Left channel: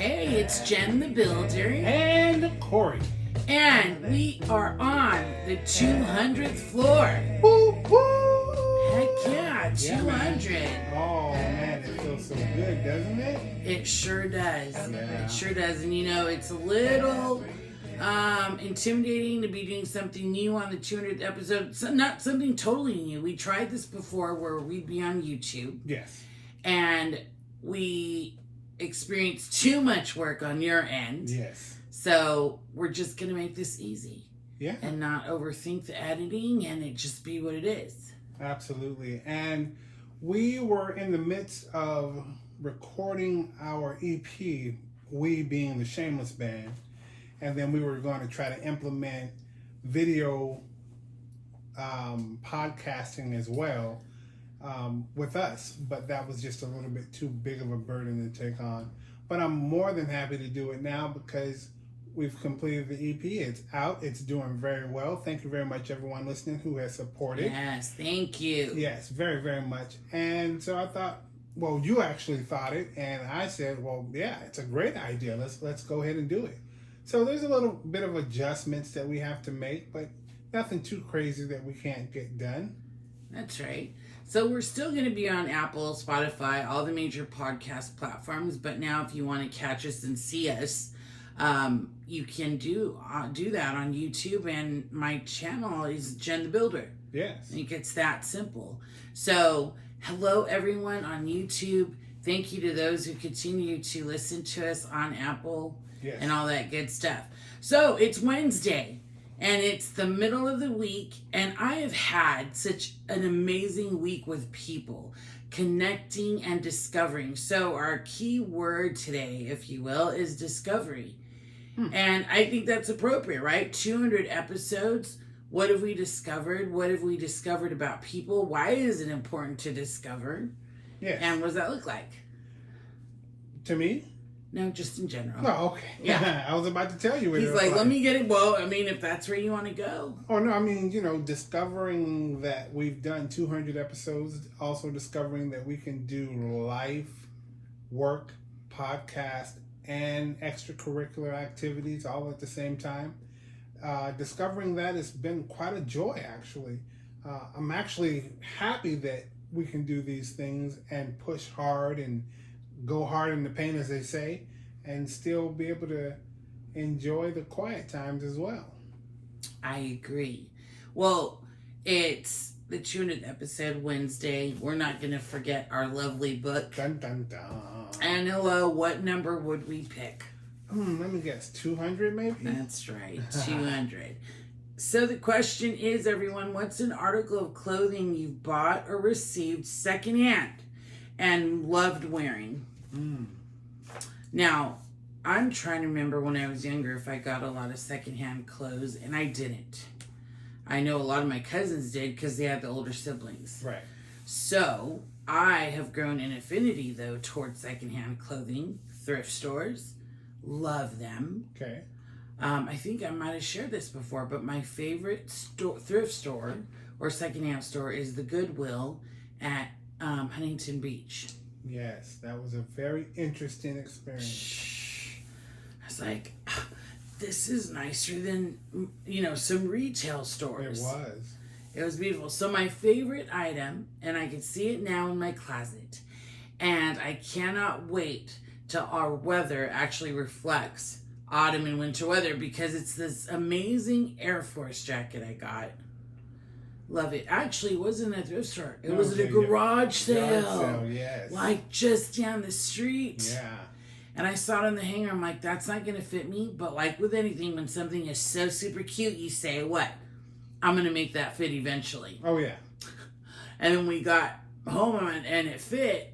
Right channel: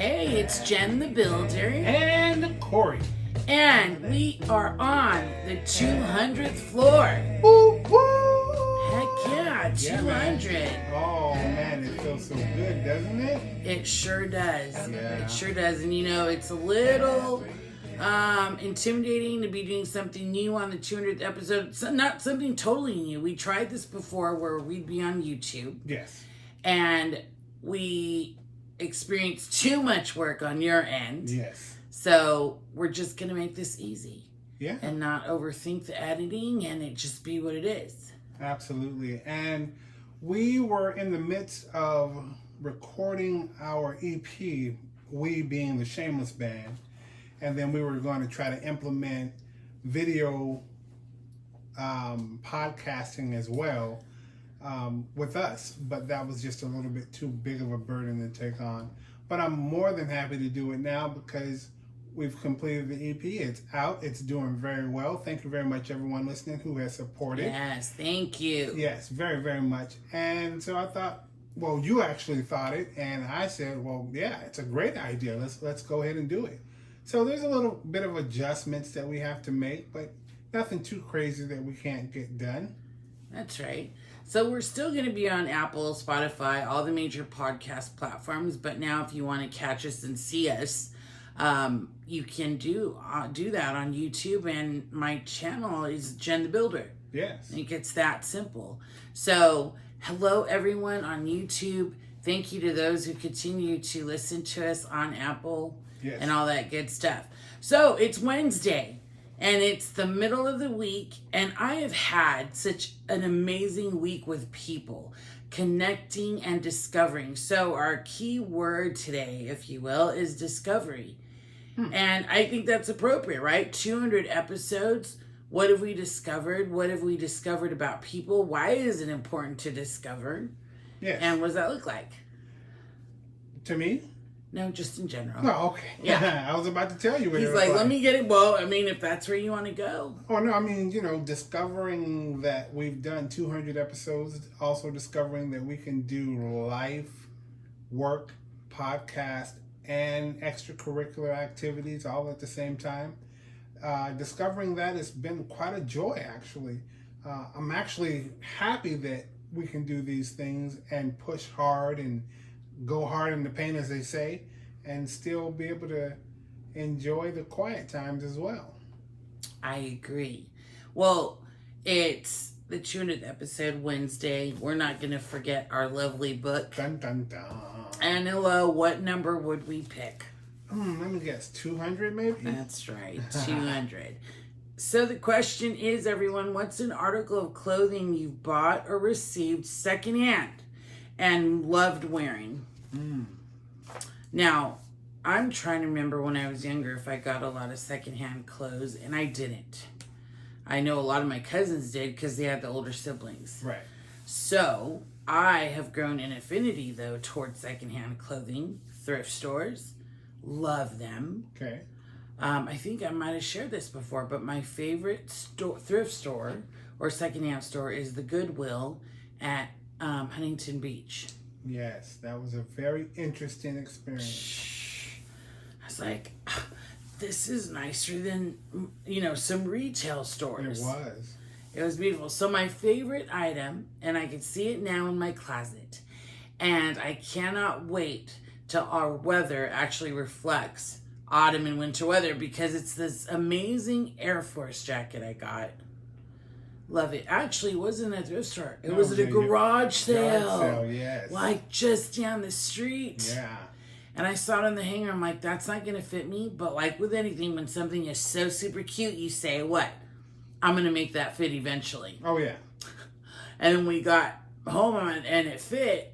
Hey, it's Jen the Builder. And Corey. And we are on the 200th floor. Woo, woo. Heck yeah, 200. Oh, man, it feels so good, doesn't it? It sure does. Yeah. It sure does. And you know, it's a little intimidating to be doing something new on the 200th episode. So not something totally new. We tried this before where we'd be on YouTube. Yes. And we experienced too much work on your end. Yes. So we're just going to make this easy. Yeah. And not overthink the editing and it just be what it is. Absolutely. And we were in the midst of recording our EP, we being the Shameless Band. And then we were going to try to implement video podcasting as well with us. But that was just a little bit too big of a burden to take on. But I'm more than happy to do it now because we've completed the EP. It's out. It's doing very well. Thank you very much, everyone listening who has supported. Yes, thank you. Yes, very, very much. And so I thought, well, you actually thought it. And I said, well, yeah, it's a great idea. Let's go ahead and do it. So there's a little bit of adjustments that we have to make, but nothing too crazy that we can't get done. That's right. So we're still going to be on Apple, Spotify, all the major podcast platforms. But now if you want to catch us and see us, you can do that on YouTube. And my channel is Jen the Builder. Yes. I think it's that simple. So hello, everyone on YouTube. Thank you to those who continue to listen to us on Apple. Yes. And all that good stuff. So it's Wednesday and it's the middle of the week and I have had such an amazing week with people connecting and discovering. So our key word today, if you will, is discovery. And I think that's appropriate, right? 200 episodes. What have we discovered? What have we discovered about people? Why is it important to discover? Yes. And what does that look like? To me? No, just in general. Oh, okay. Yeah. I was about to tell you what He's it was like, let me get it. Well, I mean, if that's where you want to go. Oh, no, I mean, discovering that we've done 200 episodes, also discovering that we can do life, work, podcast, and extracurricular activities all at the same time. Discovering that has been quite a joy, actually. I'm actually happy that we can do these things and push hard and go hard in the paint, as they say, and still be able to enjoy the quiet times as well. I agree. Well, it's the 200th episode Wednesday. We're not going to forget our lovely book. Dun, dun, dun. And hello, what number would we pick? Let me guess, 200 maybe? That's right, 200. So the question is, everyone, what's an article of clothing you've bought or received secondhand and loved wearing? Now, I'm trying to remember when I was younger if I got a lot of secondhand clothes, and I didn't. I know a lot of my cousins did because they had the older siblings. Right. So I have grown an affinity, though, towards secondhand clothing, thrift stores. Love them. Okay. I think I might have shared this before, but my favorite thrift store or secondhand store is the Goodwill at Huntington Beach. Yes, that was a very interesting experience. I was like, this is nicer than, some retail stores. It was beautiful. So my favorite item, and I can see it now in my closet, and I cannot wait till our weather actually reflects autumn and winter weather because it's this amazing Air Force jacket I got. Love it. Actually, it wasn't a thrift store. It was at a garage sale. Garage sale, yes. Like just down the street. Yeah. And I saw it on the hanger. I'm like, that's not going to fit me. But like with anything, when something is so super cute, you say, what? I'm going to make that fit eventually. Oh, yeah. And then we got home and it fit.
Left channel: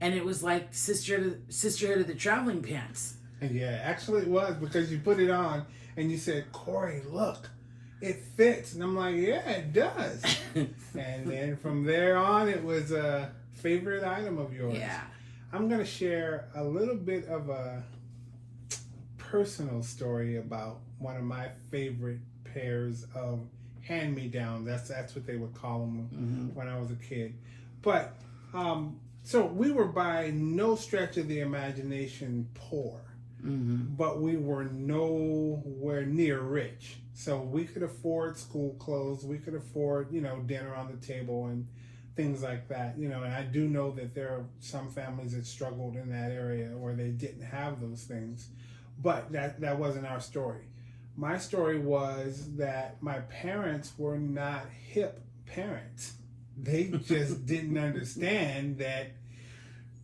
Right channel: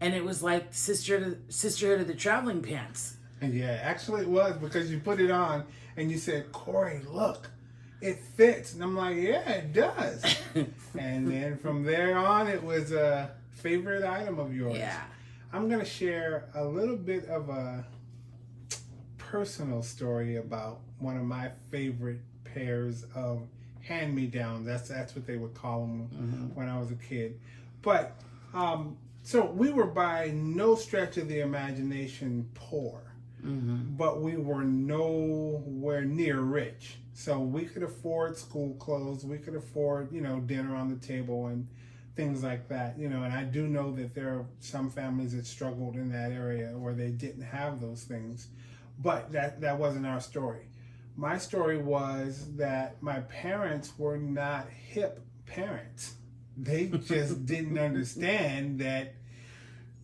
And it was like Sisterhood of the Traveling Pants. Yeah, actually it was because you put it on and you said, Corey, look. It fits. And I'm like, yeah, it does. And then from there on, it was a favorite item of yours. Yeah. I'm going to share a little bit of a personal story about one of my favorite pairs of hand-me-downs. That's what they would call them when I was a kid. But So we were by no stretch of the imagination poor. but we were nowhere near rich. So we could afford school clothes, we could afford, dinner on the table and things like that, and I do know that there are some families that struggled in that area where they didn't have those things, but that wasn't our story. My story was that my parents were not hip parents. They just didn't understand that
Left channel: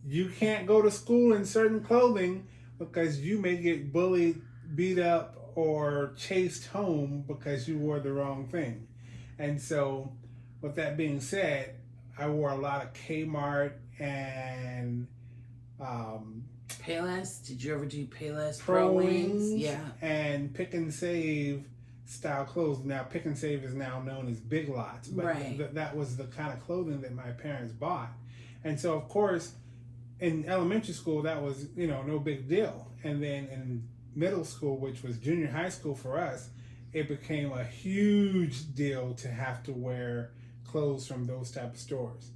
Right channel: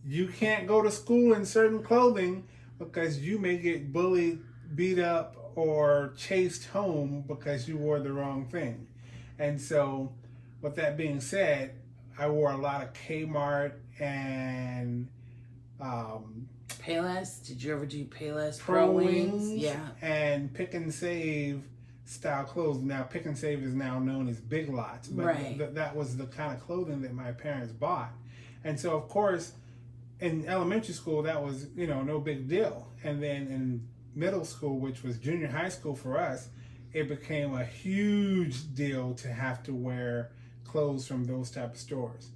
you can't go to school in certain clothing because you may get bullied, beat up, or chased home because you wore the wrong thing. And so, with that being said, I wore a lot of Kmart and Payless. Did you ever do Payless? Pro Wings, yeah, and Pick and Save style clothes. Now, Pick and Save is now known as Big Lots, but right. that was the kind of clothing that my parents bought. And so, of course, in elementary school, that was, no big deal. And then in middle school, which was junior high school for us, it became a huge deal to have to wear clothes from those type of stores.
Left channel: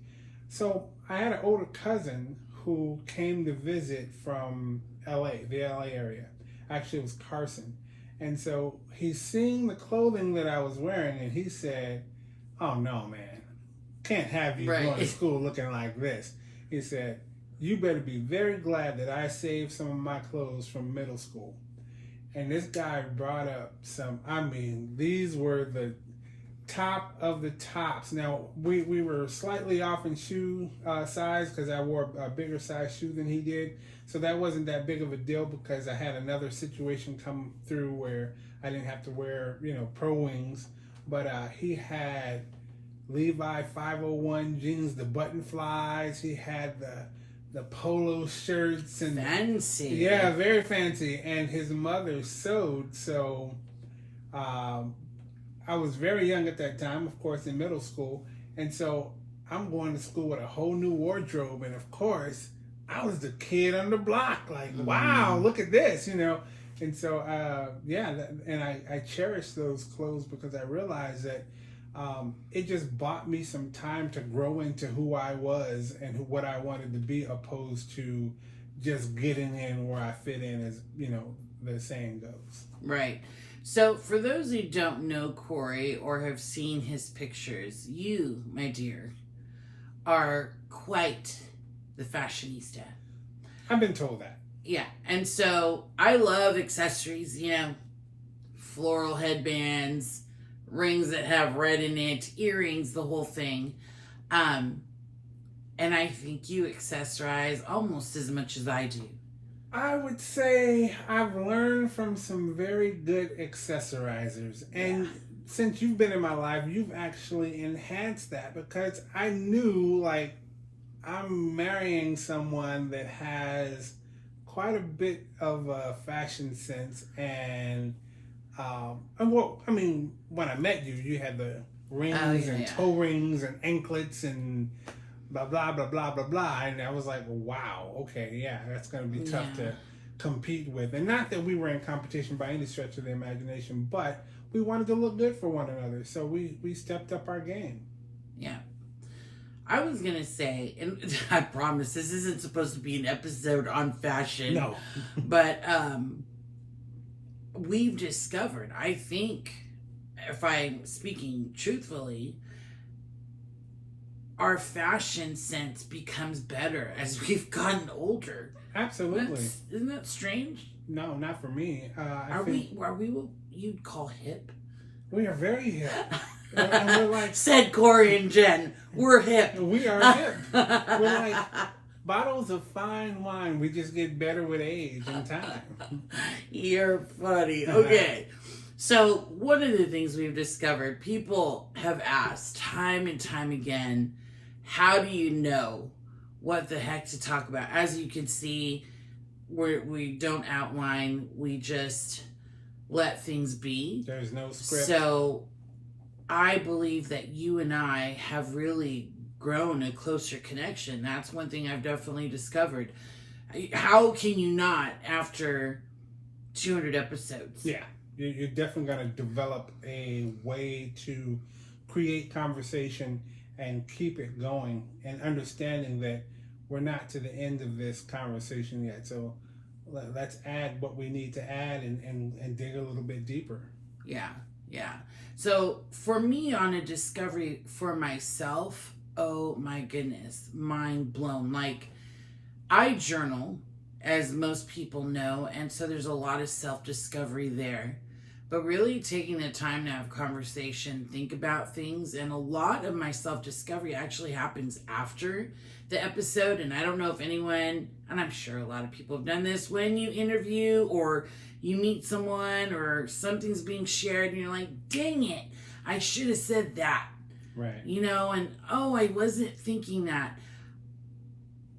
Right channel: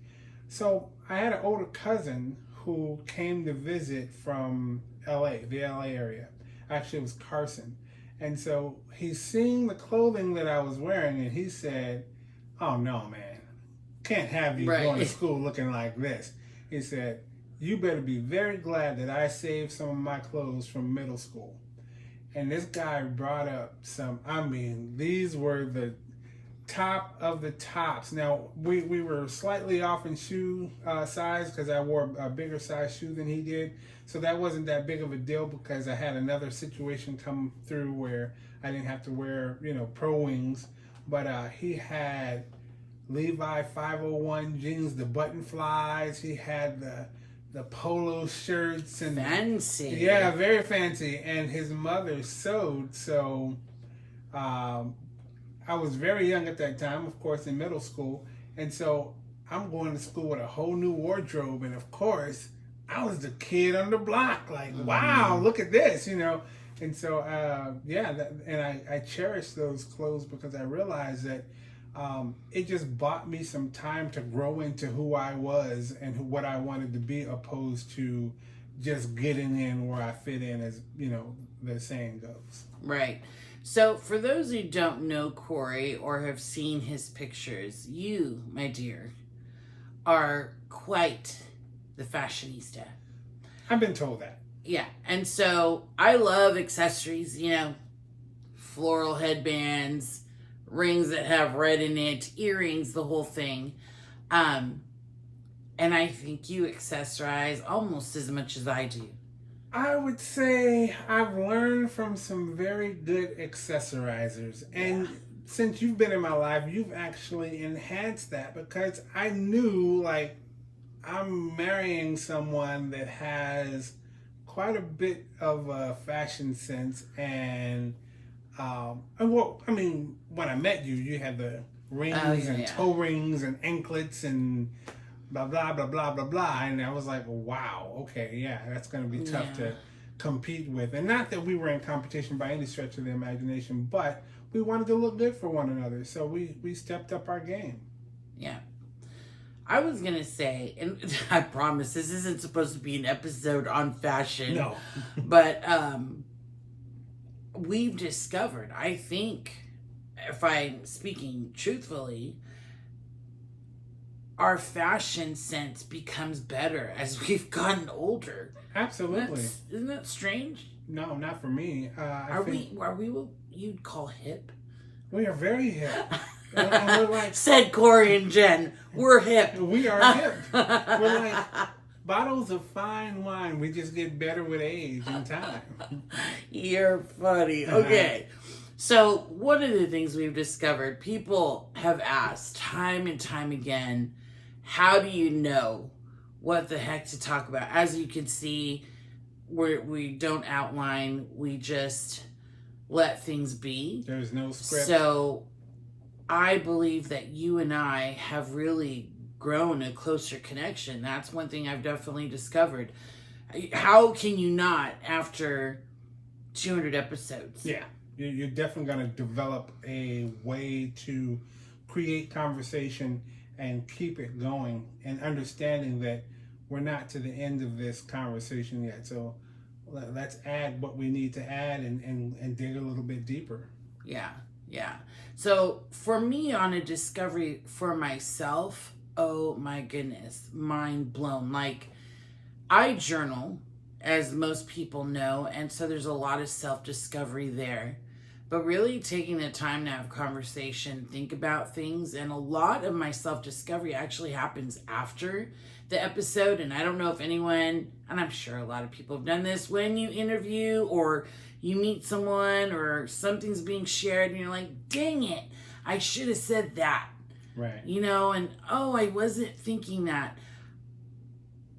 So I had an older cousin who came to visit from LA, the LA area. Actually, it was Carson. And so he's seeing the clothing that I was wearing, and he said, "Oh no, man, can't have you going to school looking like this." He said, "You better be very glad that I saved some of my clothes from middle school." And this guy brought up these were the top of the tops. Now, we were slightly off in shoe size because I wore a bigger size shoe than he did. So that wasn't that big of a deal because I had another situation come through where I didn't have to wear, Pro Wings. But he had Levi 501 jeans, the button flies. He had the polo shirts and fancy. Yeah, very fancy. And his mother sewed, so I was very young at that time, of course, in middle school. And so I'm going to school with a whole new wardrobe. And of course, I was the kid on the block. Like, wow, look at this, And so, I cherish those clothes because I realized that it just bought me some time to grow into who I was and what I wanted to be, opposed to just getting in where I fit in, as, the saying goes. Right. So, for those who don't know Corey or have seen his pictures, you, my dear, are quite the fashionista. I've been told that. Yeah. And so, I love accessories, floral headbands, rings that have red in it, earrings, the whole thing. And I think you accessorize almost as much as I do. I would say I've learned from some very good accessorizers. And since you've been in my life, you've actually enhanced that, because I knew, like, I'm marrying someone that has quite a bit of a fashion sense. And, when I met you, you had the rings and toe rings and anklets and blah, blah, blah, blah, blah, blah. And I was like, wow, okay, yeah, that's going to be tough to compete with. And not that we were in competition by any stretch of the imagination, but we wanted to look good for one another. So we stepped up our game. Yeah. I was going to say, and I promise this isn't supposed to be an episode on fashion. No. But we've discovered, I think, if I'm speaking truthfully, our fashion sense becomes better as we've gotten older. Absolutely. Isn't that strange? No, not for me. Are we what you'd call hip? We are very hip. And we're like, said Corey and Jen, we're hip. We are hip. We're like bottles of fine wine. We just get better with age and time. You're funny. Okay. So one of the things we've discovered, people have asked time and time again, how do you know what the heck to talk about? As you can see, we don't outline. We just let things be. There's no script. So I believe that you and I have really grown a closer connection. That's one thing I've definitely discovered. How can you not after 200 episodes? Yeah. You're definitely going to develop a way to create conversation and keep it going, and understanding that we're not to the end of this conversation yet. So let's add what we need to add and dig a little bit deeper. Yeah. So for me, on a discovery for myself, oh my goodness, mind blown. Like, I journal, as most people know, and so there's a lot of self-discovery there. But really taking the time to have conversation, think about things, and a lot of my self-discovery actually happens after the episode. And I don't know if anyone, and I'm sure a lot of people have done this, when you interview or you meet someone or something's being shared and you're like, dang it, I should have said that. Right. You know, and oh, I wasn't thinking that.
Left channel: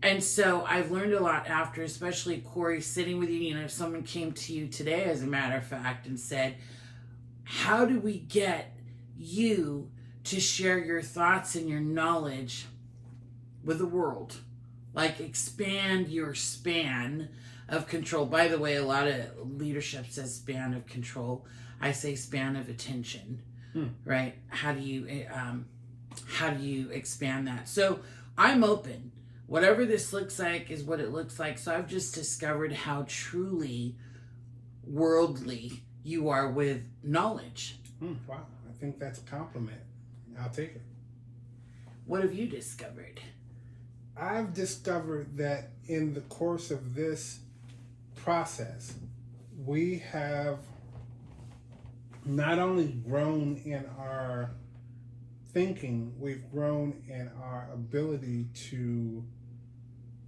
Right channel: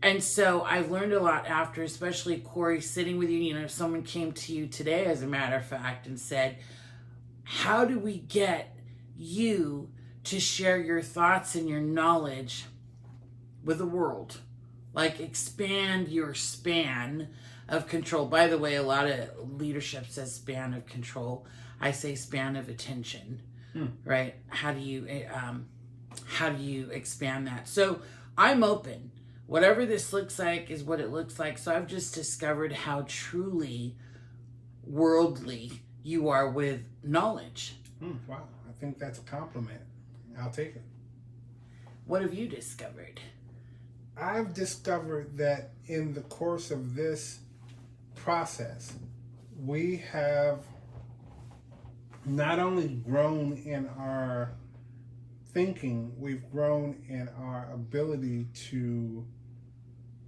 And so I've learned a lot after, especially Corey sitting with you. You know, someone came to you today, as a matter of fact, and said, how do we get you to share your thoughts and your knowledge with the world? Like, expand your span of control. By the way, a lot of leadership says span of control. I say span of attention, right? How do you expand that? So I'm open. Whatever this looks like is what it looks like. So I've just discovered how truly worldly you are with knowledge. Wow. I think that's a compliment. I'll take it. What have you discovered? I've discovered that in the course of this process, we have not only grown in our thinking, we've grown in our ability to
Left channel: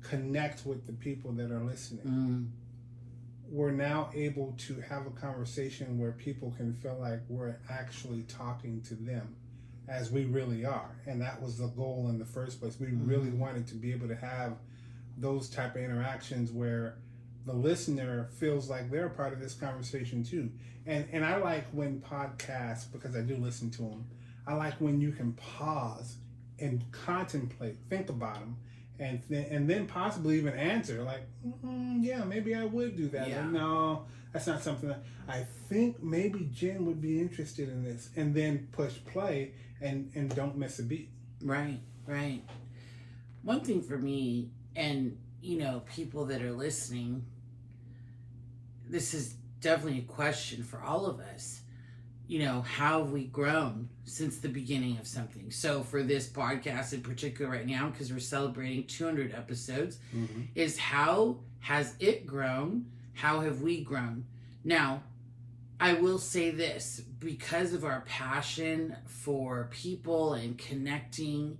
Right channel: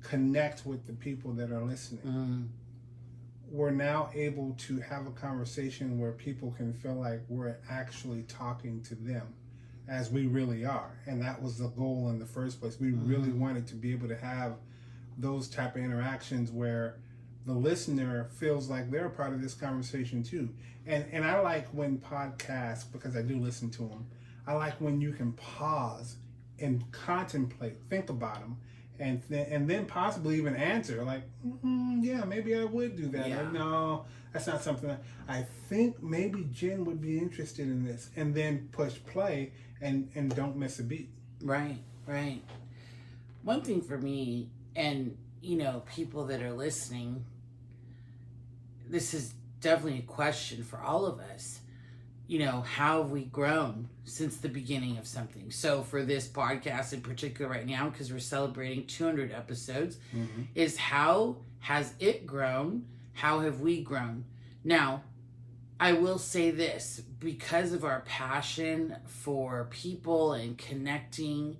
connect with the people that are listening. We're now able to have a conversation where people can feel like we're actually talking to them as we really are. And that was the goal in the first place. We really wanted to be able to have those type of interactions where the listener feels like they're a part of this conversation too. And I like when podcasts, because I do listen to them, I like when you can pause and contemplate, think about them, and then possibly even answer, like, yeah, maybe I would do that. Yeah. Or, no, that's not something that I think maybe Jen would be interested in this. And then push play and don't miss a beat. Right. One thing for me, and, you know, people that are listening, this is definitely a question for all of us. You know, how have we grown since the beginning of something? So for this podcast in particular right now, because we're celebrating 200 episodes, is how has it grown? How have we grown? Now, I will say this, because of our passion for people and connecting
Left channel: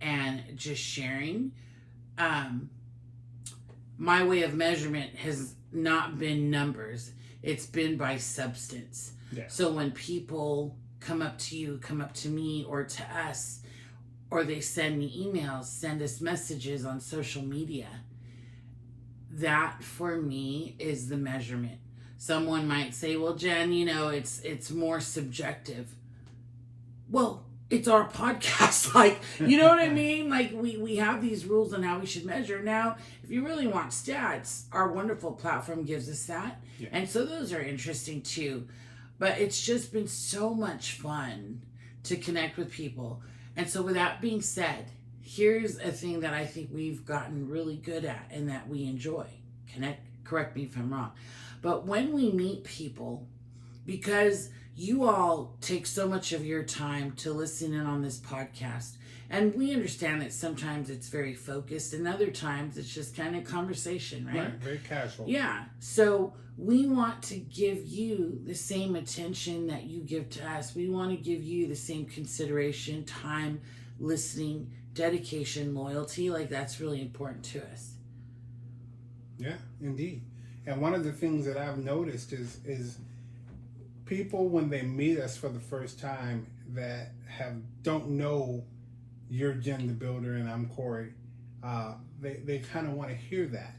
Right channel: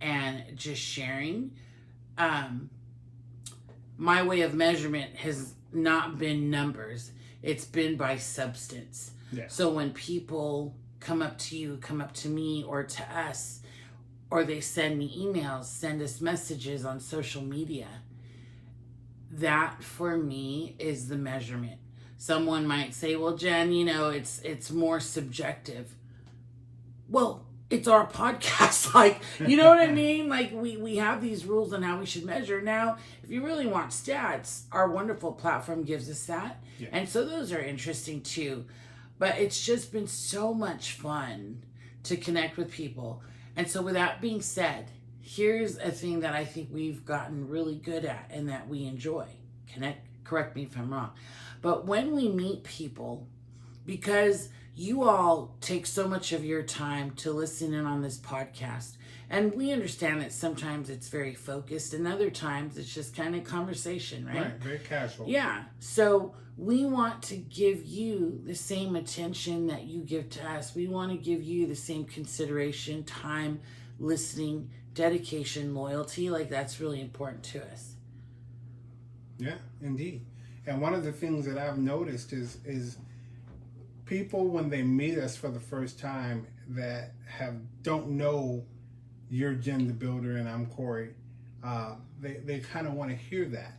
and just sharing, my way of measurement has not been numbers. It's been by substance. Yeah. So when people come up to you, come up to me or to us, or they send me emails, send us messages on social media, that for me is the measurement. Someone might say, well, Jen, you know, it's more subjective. Well, it's our podcast. Like, you know what I mean? Like, we have these rules on how we should measure. Now, if you really want stats, our wonderful platform gives us that. Yeah. And so those are interesting too. But it's just been so much fun to connect with people. And so with that being said, here's a thing that I think we've gotten really good at and that we enjoy. Correct me if I'm wrong. But when we meet people, because you all take so much of your time to listen in on this podcast, and we understand that sometimes it's very focused and other times it's just kind of conversation, right? Right, very casual. Yeah. So we want to give you the same attention that you give to us. We want to give you the same consideration, time, listening, dedication, loyalty. Like, that's really important to us. Yeah, indeed. And one of the things that I've noticed is people, when they meet us for the first time that don't know you're Jen the Builder and I'm Corey, they kind of want to hear that.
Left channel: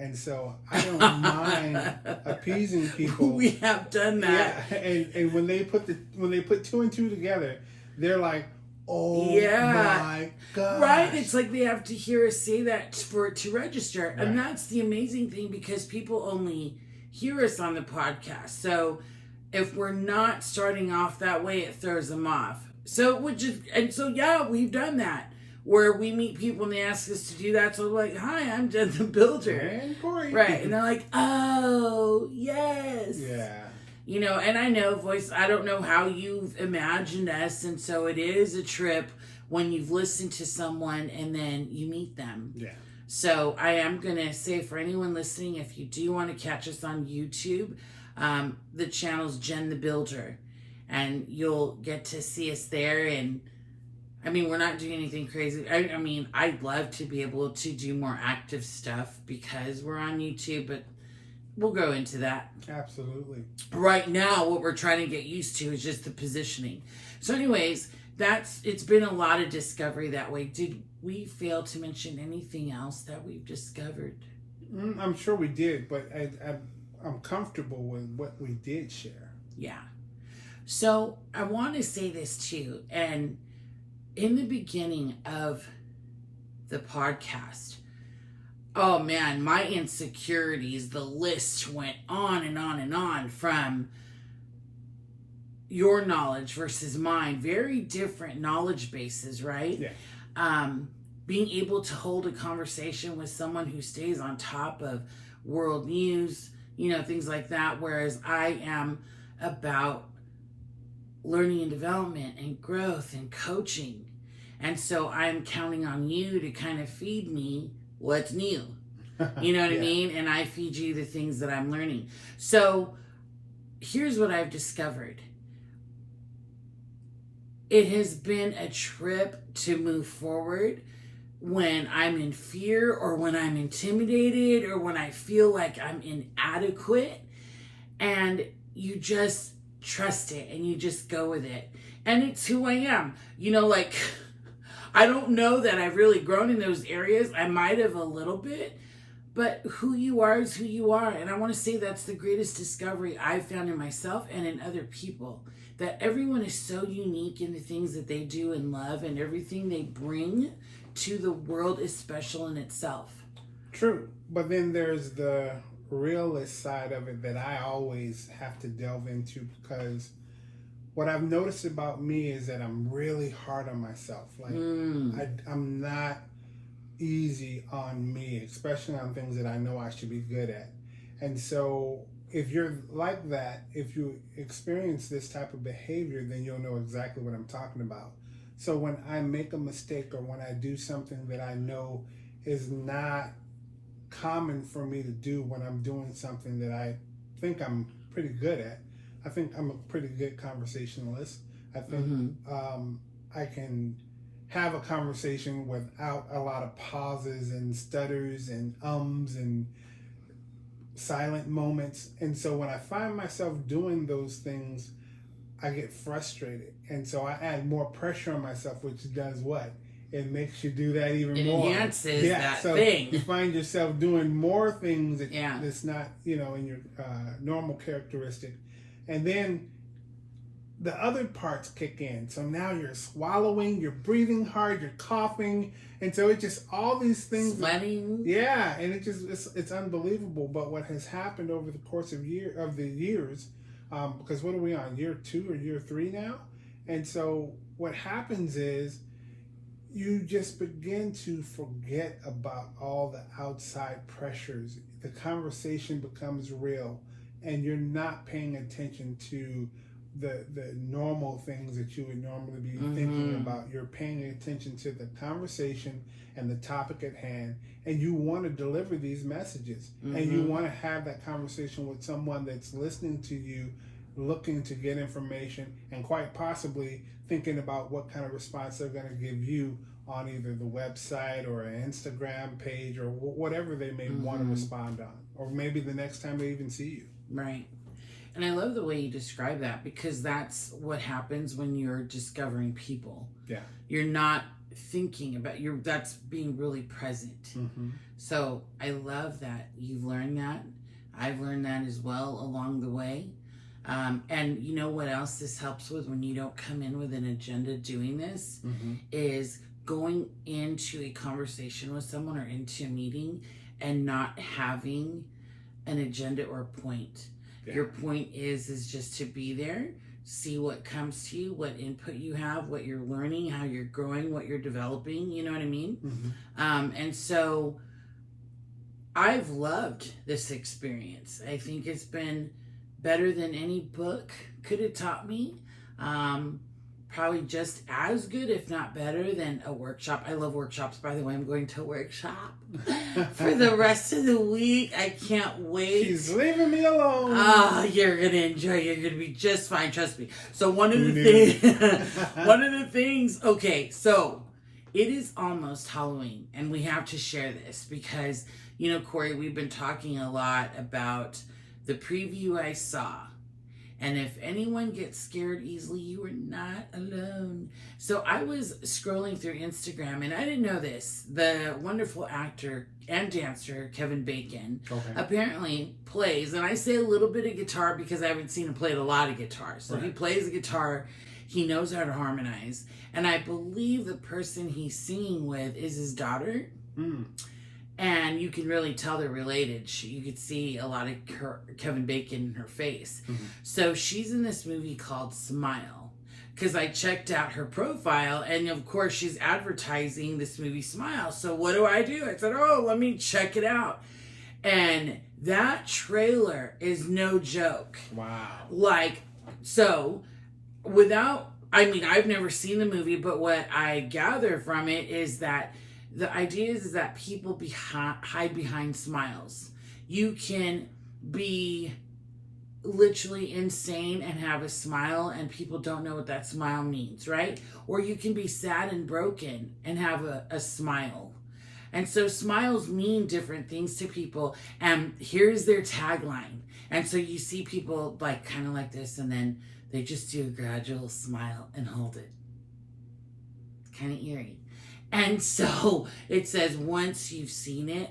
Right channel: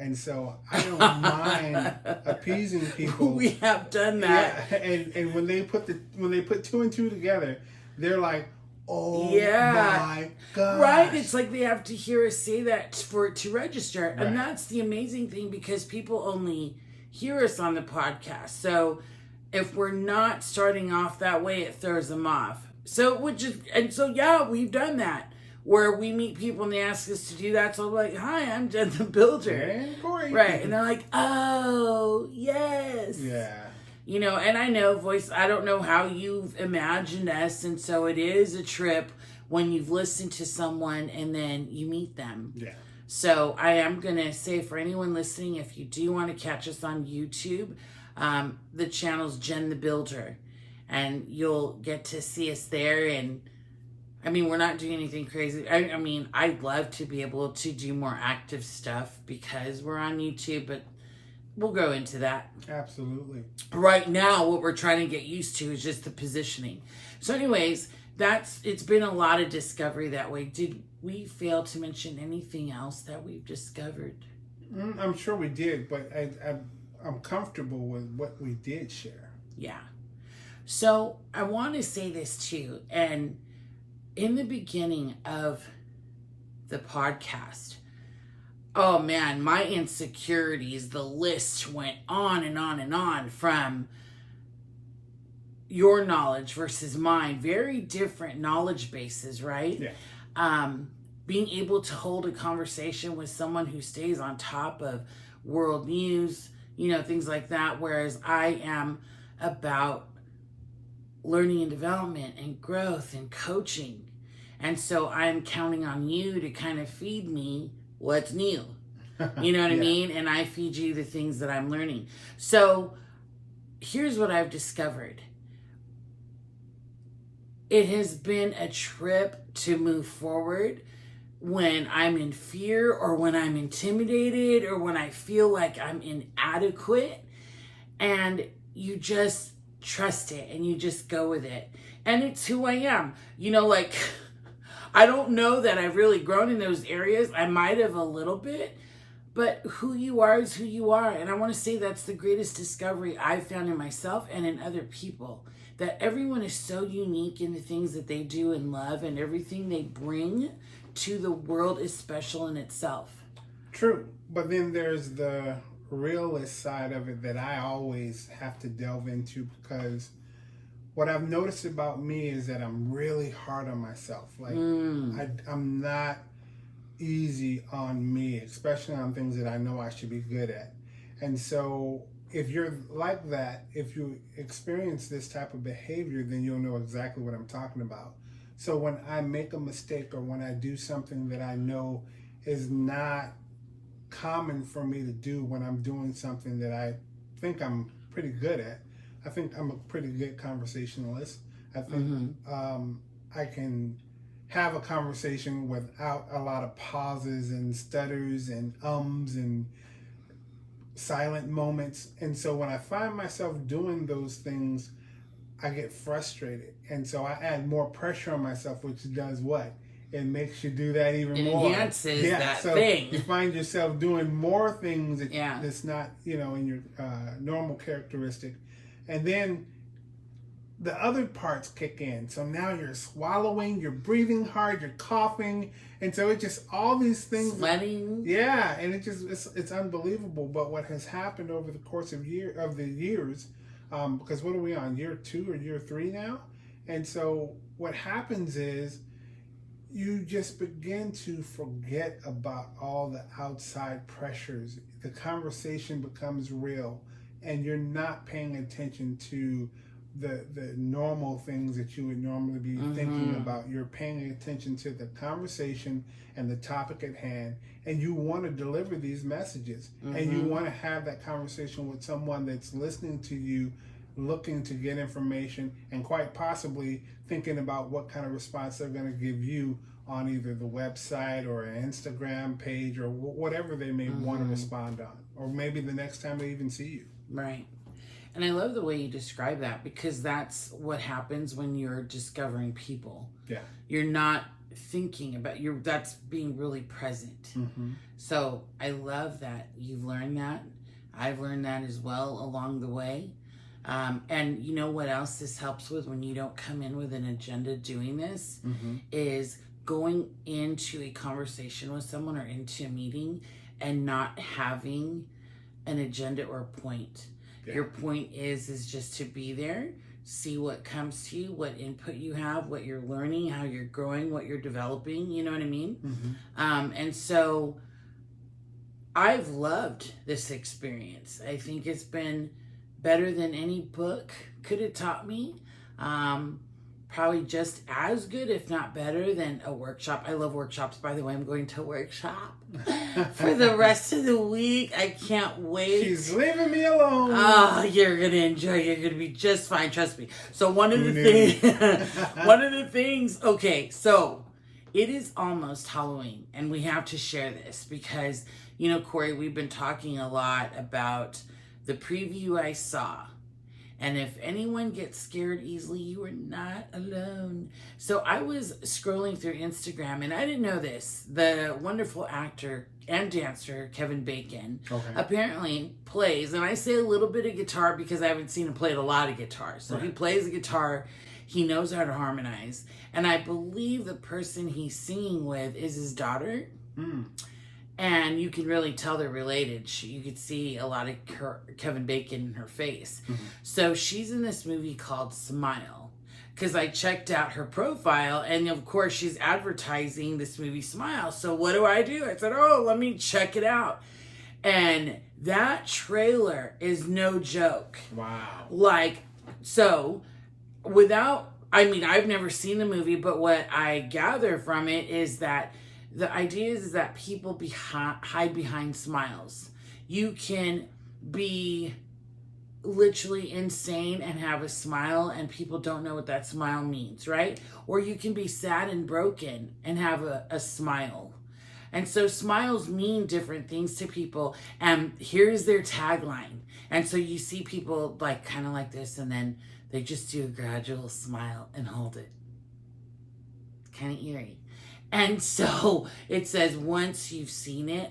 And so I don't mind appeasing people. We have done that. Yeah, and when they put two and two together, they're like, oh my God. Right? It's like they have to hear us say that for it to register. Right. And that's the amazing thing, because people only hear us on the podcast. So if we're not starting off that way, it throws them off. So yeah, we've done that. where we meet people and they ask us to do that. So I'm like, hi, I'm Jen the Builder. And Corey. Right. And they're like, oh, yes. Yeah. You know, and I know I don't know how you've imagined us. And so it is a trip when you've listened to someone and then you meet them. Yeah. So I am going to say for anyone listening, if you do want to catch us on YouTube, the channel's Jen the Builder. And you'll get to see us there. And I mean, we're not doing anything crazy. I mean, I'd love to be able to do more active stuff because we're on YouTube, but we'll go into that. Absolutely. Right now, what we're trying to get used to is just the positioning. So anyways, it's been a lot of discovery that way. Did we fail to mention anything else that we've discovered? I'm sure we did, but I'm comfortable with what we did share. Yeah. So I want to say this too. And in the beginning of the podcast, oh man, my insecurities, the list went on and on and on, from your knowledge versus mine. Very different knowledge bases, right? Yeah. Being able to hold a conversation with someone who stays on top of world news, you know, things like that. Whereas I am about learning and development and growth and coaching. And so I'm counting on you to kind of feed me what's new. You know what I mean? And I feed you the things that I'm learning. So here's what I've discovered. It has been a trip to move forward when I'm in fear or when I'm intimidated or when I feel like I'm inadequate. And you just trust it and you just go with it. And it's who I am. You know, like, I don't know that I've really grown in those areas. I might have a little bit, but who you are is who you are. And I want to say that's the greatest discovery I've found in myself and in other people. That everyone is so unique in the things that they do and love, and everything they bring to the world is special in itself. True. But then there's the realist side of it that I always have to delve into, because what I've noticed about me is that I'm really hard on myself. Like, I'm not easy on me, especially on things that I know I should be good at. And so if you're like that, if you experience this type of behavior, then you'll know exactly what I'm talking about. So when I make a mistake or when I do something that I know is not common for me to do, when I'm doing something that I think I'm pretty good at, I think I'm a pretty good conversationalist. I think I can have a conversation without a lot of pauses and stutters and ums and silent moments. And so when I find myself doing those things, I get frustrated. And so I add more pressure on myself, which does what? It makes you do that even more. Enhances that thing. You find yourself doing more things that's not, you know, in your normal characteristic. And then the other parts kick in. So now you're swallowing, you're breathing hard, you're coughing. And so it just, all these things. Sweating. Yeah. And it's unbelievable. But what has happened over the course of the years, because what are we on, year 2 or year 3 now? And so what happens is you just begin to forget about all the outside pressures. The conversation becomes real, and you're not paying attention to the normal things that you would normally be thinking about. You're paying attention to the conversation and the topic at hand, and you want to deliver these messages, and you want to have that conversation with someone that's listening to you, looking to get information, and quite possibly thinking about what kind of response they're going to give you on either the website or an Instagram page or whatever they may want to respond on, or maybe the next time they even see you. Right. And I love the way you describe that, because that's what happens when you're discovering people. Yeah. You're not thinking about, that's being really present. So I love that you've learned that. I've learned that as well along the way. And you know what else this helps with when you don't come in with an agenda doing this is going into a conversation with someone or into a meeting and not having an agenda or a point. Yeah. Your point is just to be there see what comes to you, what input you have, what you're learning, how you're growing, what you're developing. You know what I mean? Mm-hmm. And so I've loved this experience. I think it's been better than any book could have taught me. Probably just as good, if not better, than a workshop. I love workshops, by the way. I'm going to a workshop for the rest of the week. I can't wait. She's leaving me alone. Oh, you're going to enjoy it. You're going to be just fine. Trust me. So one of the things, okay, so it is almost Halloween, and we have to share this because, you know, Corey, we've been talking a lot about the preview I saw. And if anyone gets scared easily, you are not alone. So I was scrolling through Instagram, and I didn't know this. The wonderful actor and dancer, Kevin Bacon, apparently plays, and I say a little bit of guitar because I haven't seen him play a lot of guitar. So he plays a guitar. He knows how to harmonize. And I believe the person he's singing with is his daughter. And you can really tell they're related. You could see a lot of Kevin Bacon in her face. So she's in this movie called Smile. Because I checked out her profile, and of course she's advertising this movie Smile. So what do? I said, oh, let me check it out. And that trailer is no joke. Wow. Like, so, I've never seen the movie, but what I gather from it is that the idea is that people hide behind smiles. You can be literally insane and have a smile, and people don't know what that smile means, right? Or you can be sad and broken and have a smile. And so smiles mean different things to people. And here's their tagline. And so you see people like kind of like this, and then they just do a gradual smile and hold it. It's kind of eerie. And so it says, once you've seen it,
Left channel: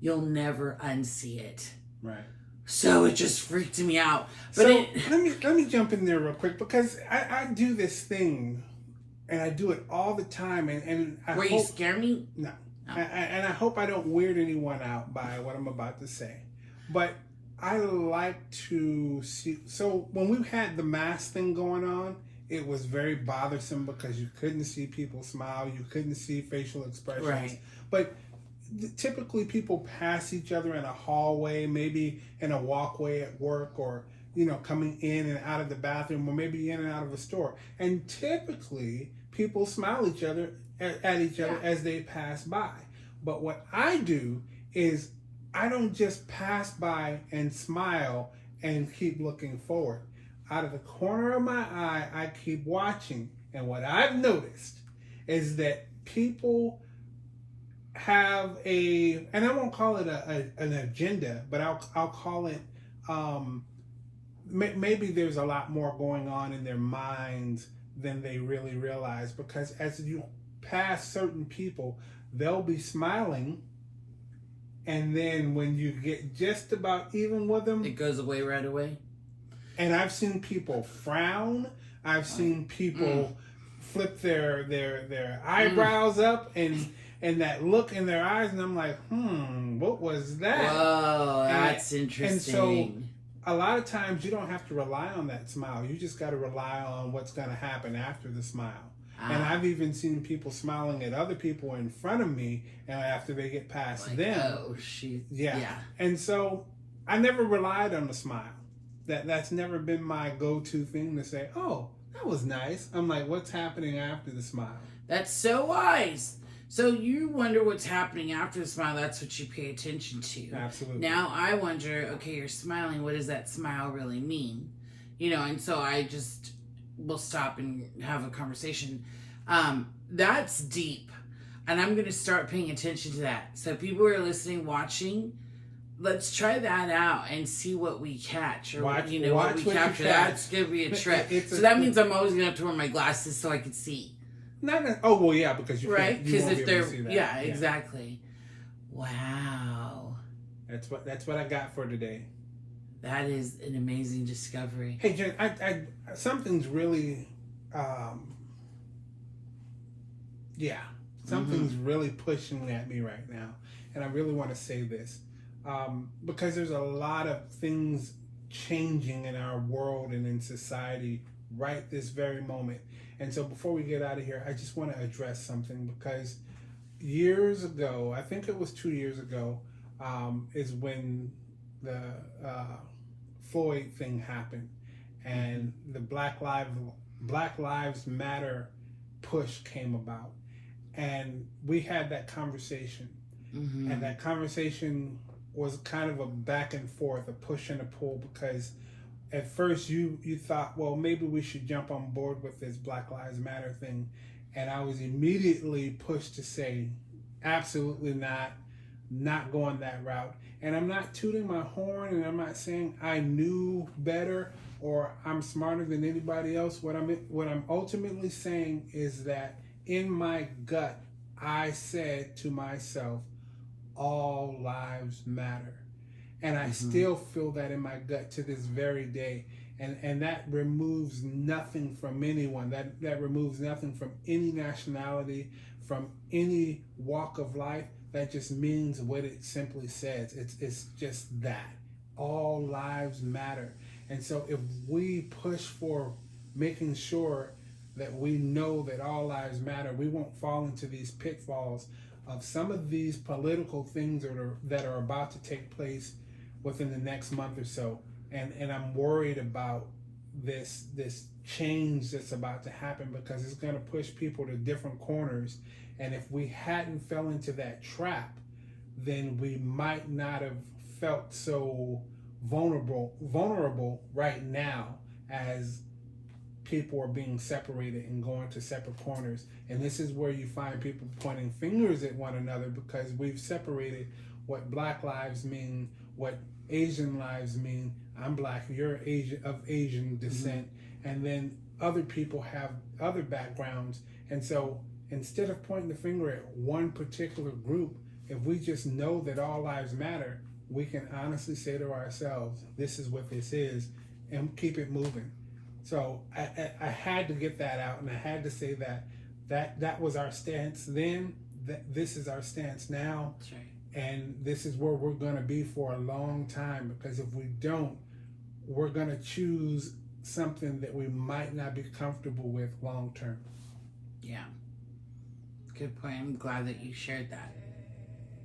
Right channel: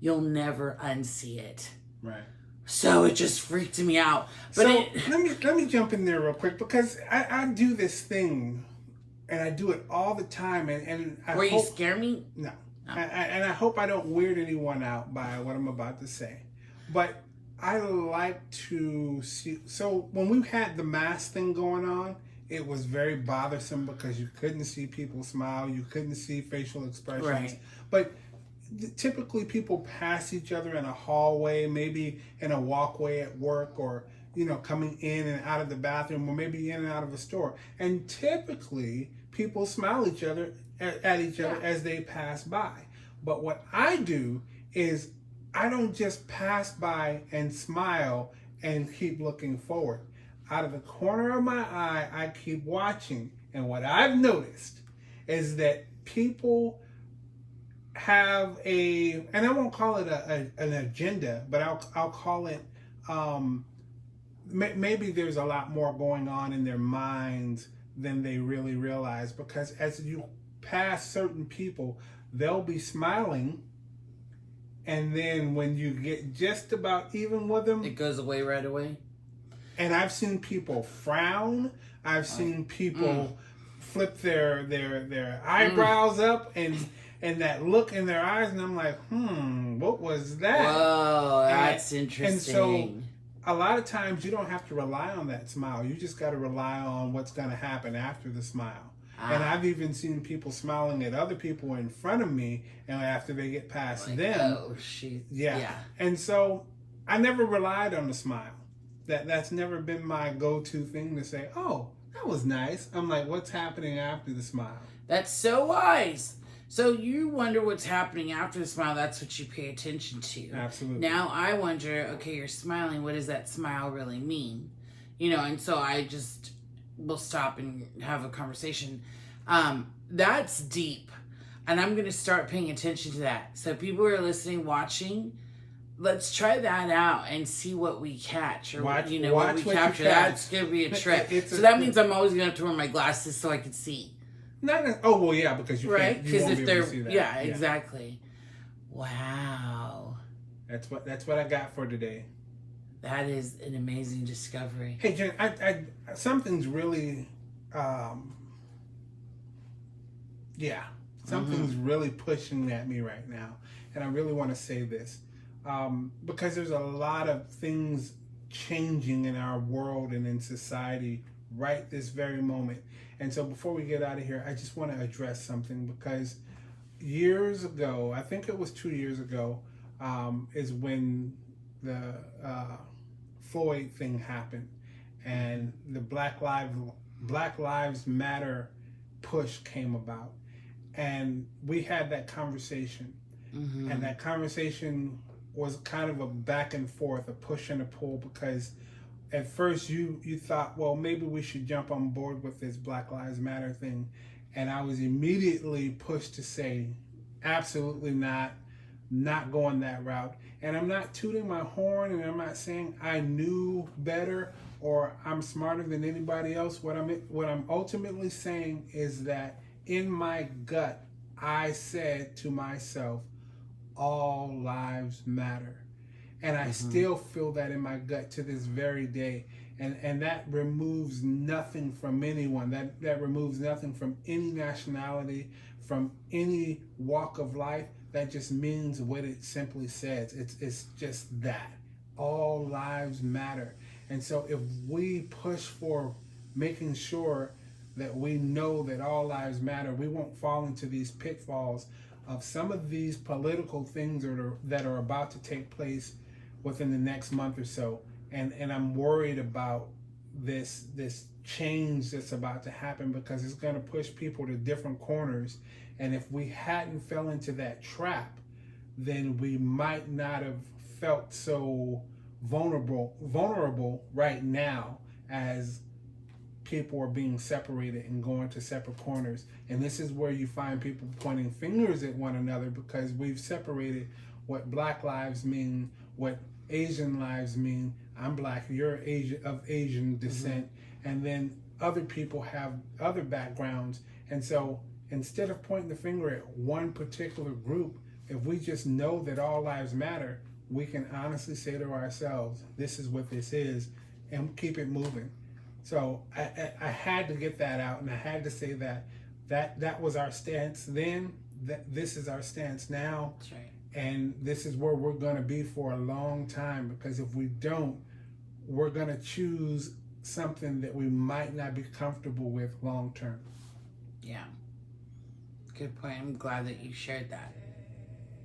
you'll never unsee it. Right. So it just freaked me out. But so let me jump in there real quick, because I do this thing, and I do it all the time. And I you scare me? No. Oh. And I hope I don't weird anyone out by what I'm about to say. But I like to see. So when we had the mask thing going on, it was very bothersome because you couldn't see people smile. You couldn't see facial expressions. Right. But typically people pass each other in a hallway, maybe in a walkway at work, or, you know, coming in and out of the bathroom, or maybe in and out of a store. And typically people smile at each other as they pass by. But what I do is I don't just pass by and smile and keep looking forward. Out of the corner of my eye, I keep watching. And what I've noticed is that people have and I won't call it an agenda, but I'll call it, maybe there's a lot more going on in their minds than they really realize. Because as you pass certain people, they'll be smiling, and then when you get just about even with them, it goes away right away. And I've seen people frown. I've seen people flip their eyebrows up, and that look in their eyes, and I'm like, what was that? Whoa, that's interesting. And so a lot of times you don't have to rely on that smile. You just got to rely on what's going to happen after the smile. And I've even seen people smiling at other people in front of me, and after they get past them. Oh, shoot. Yeah. And so I never relied on the smile. That's never been my go-to thing to say, oh, that was nice. I'm like, what's happening after the smile? That's so wise. So you wonder what's happening after the smile. That's what you pay attention to. Absolutely. Now I wonder, okay, you're smiling. What does that smile really mean? You know, and so I just will stop and have a conversation. That's deep. And I'm going to start paying attention to that. So people who are listening, watching, let's try that out and see what we catch, or what we capture. That's gonna be a trip. That means I'm always gonna have to wear my glasses so I can see. Oh well, yeah, because you right? Because if they're see that. Yeah, exactly. Wow. That's what I got for today. That is an amazing discovery. Hey, Jen, I something's really, something's really pushing at me right now, and I really want to say this. Because there's a lot of things changing in our world and in society right this very moment. And so before we get out of here, I just want to address something, because years ago, I think it was 2 years ago, is when the Floyd thing happened, and the Black Lives Matter push came about, and we had that conversation, and that conversation was kind of a back and forth, a push and a pull, because at first you thought, well, maybe we should jump on board with this Black Lives Matter thing, and I was immediately pushed to say, absolutely not going that route. And I'm not tooting my horn, and I'm not saying I knew better or I'm smarter than anybody else. What I'm ultimately saying is that in my gut, I said to myself, all lives matter. And I still feel that in my gut to this very day. And that removes nothing from anyone. That removes nothing from any nationality, from any walk of life. That just means what it simply says. It's just that. All lives matter. And so if we push for making sure that we know that all lives matter, we won't fall into these pitfalls of some of these political things that are about to take place within the next month or so. And I'm worried about this change that's about to happen, because it's going to push people to different corners. And if we hadn't fell into that trap, then we might not have felt so vulnerable right now, as people are being separated and going to separate corners. And this is where you find people pointing fingers at one another, because we've separated what Black lives mean, what Asian lives mean. I'm Black, you're of Asian descent, and then other people have other backgrounds. And so instead of pointing the finger at one particular group, if we just know that all lives matter, we can honestly say to ourselves, this is what this is, and keep it moving. So I had to get that out, and I had to say that was our stance then, that this is our stance now. That's right. And this is where we're going to be for a long time, because if we don't, we're going to choose something that we might not be comfortable with long term. Yeah. Good point. I'm glad that you shared that.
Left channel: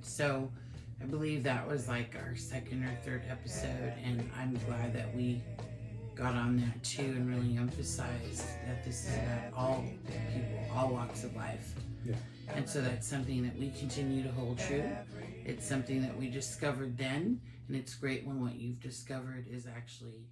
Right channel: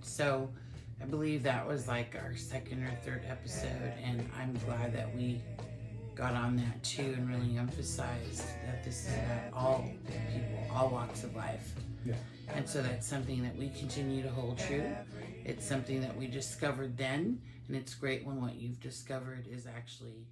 So I believe that was like our second or third episode, and I'm glad that we got on that too and really emphasized that this is about all people, all walks of life. Yeah. And so that's something that we continue to hold true. It's something that we discovered then, and it's great when what you've discovered is actually